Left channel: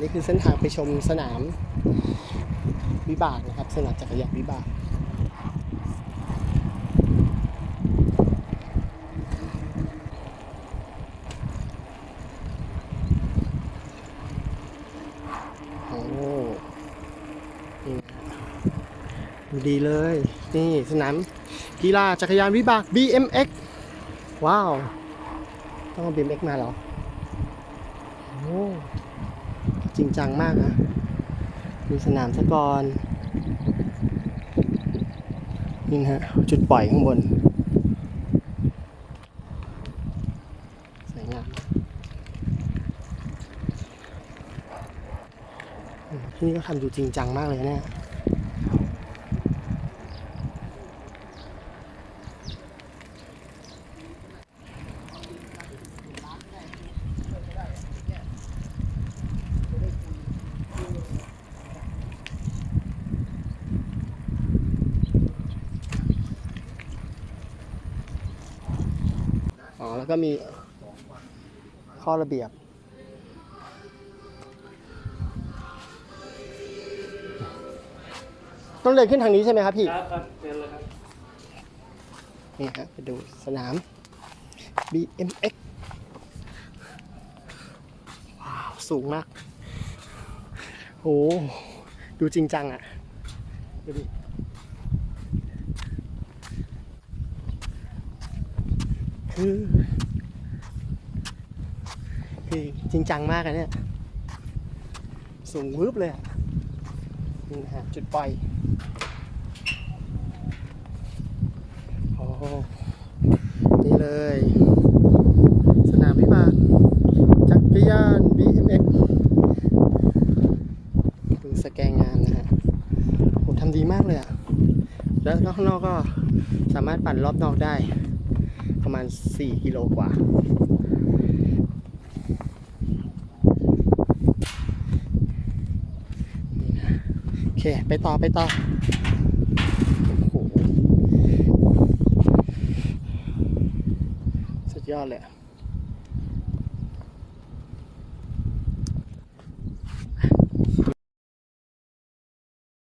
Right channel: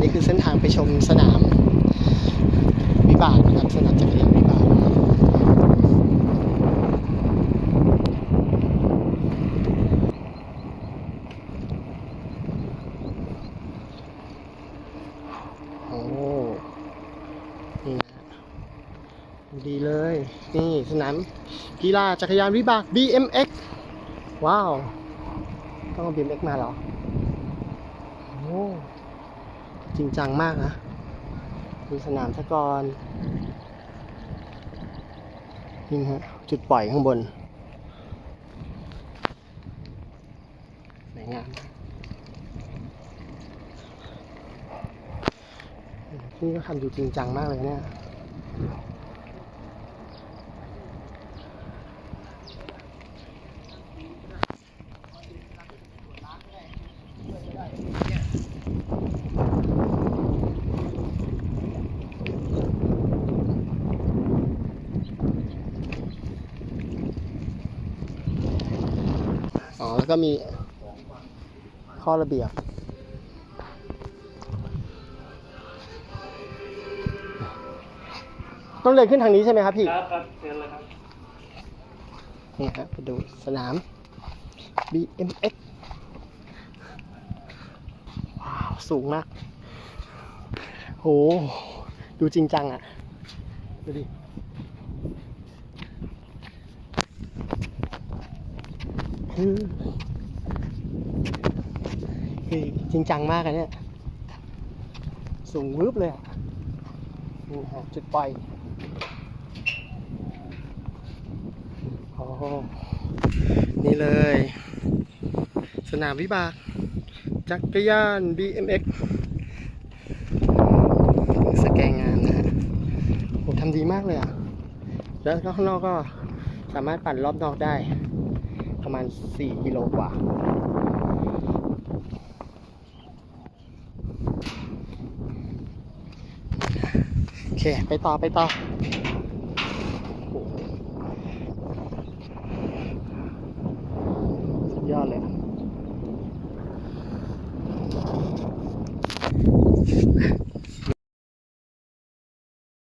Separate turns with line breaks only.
นี่คือเส้นทางไปชมสนามวิบากนะครับสนามจักรยานวิบากโอ้นี่นะดูดีเลย นี่สนามกีฬาจักรยานวิบาก BMX ว้าว ต้องเอา BMX มาเหรอ โอ้ จริงจังมากนะมีสนามสกอรนี่ฮะจุดปล่อยข้างบน สวยงามพี่ก็ทำอยู่จริงจังมากเลยเนี่ย อ๋อ แล้วก็มีข้อระเบียบ ต้องเดินขึ้นทางนี้ใช่ไหมครับพี่
ครับครับเชิญเลยครับ
นี่ฮะไปดูสนาม BMX ว้าว สูงมาก โห ดูจริงจังอะ่ะ ดูดิ คือจริงจังมากอะเนี่ย สูงวืบเลยนี่นะฮะจุดปล่อยโอ้นี่เลย สนามวิบากจักรยาน BMX สแกงงามนะฮะโหทำดีมากเลยอะ แล้วข้างนอกก็สามารถปั่นรอบนอกได้ ประมาณ 4 กิโลกว่าโอเค ไปต่อไปต่อโหสุดยอดเลยอะ